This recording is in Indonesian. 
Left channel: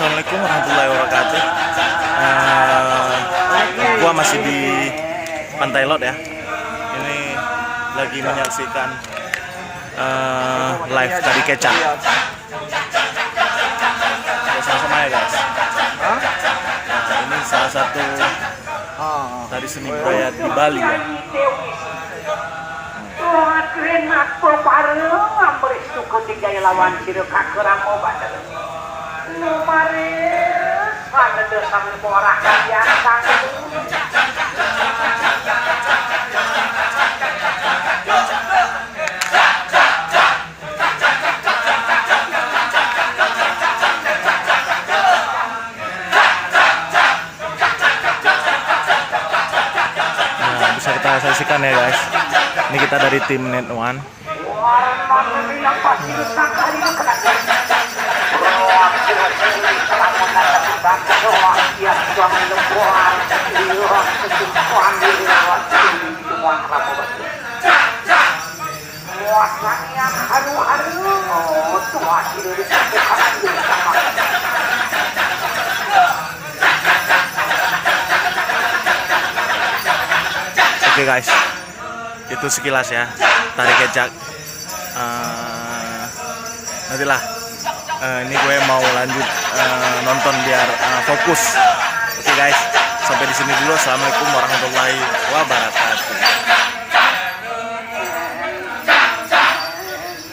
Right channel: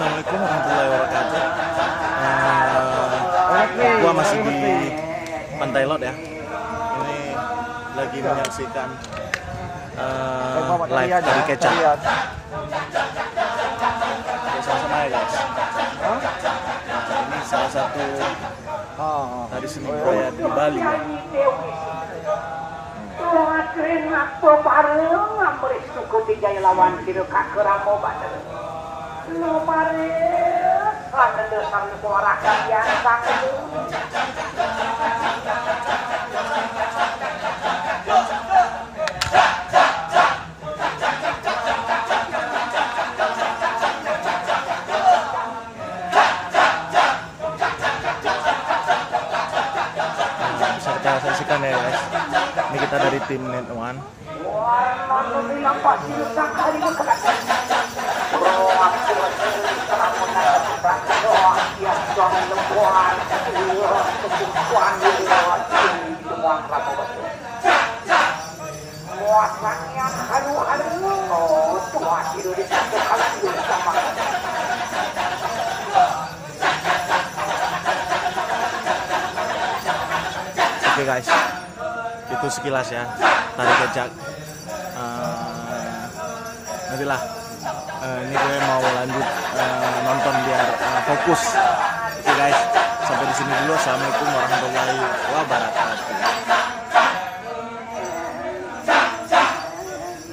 Assalamualaikum warahmatullahi wabarakatuh. Gua masih di Pantai Lot ya. Ini lagi menyaksikan live dari Kecak. Sama-sama ya guys. Ini salah satu dari seni budaya di Bali ya. Tuhan aku pareng ambri suku tiga lawan siru kakurang obat. Nu pares ada desam nu ora biasa. Bisa kita saksikan ya guys. Ini kita dari tim Net One. Oke guys, itu sekilas ya tari Kecak. Nantilah ini gue mau lanjut nonton biar fokus. Oke guys, sampai di sini dulu. Assalamualaikum warahmatullahi wabarakatuh.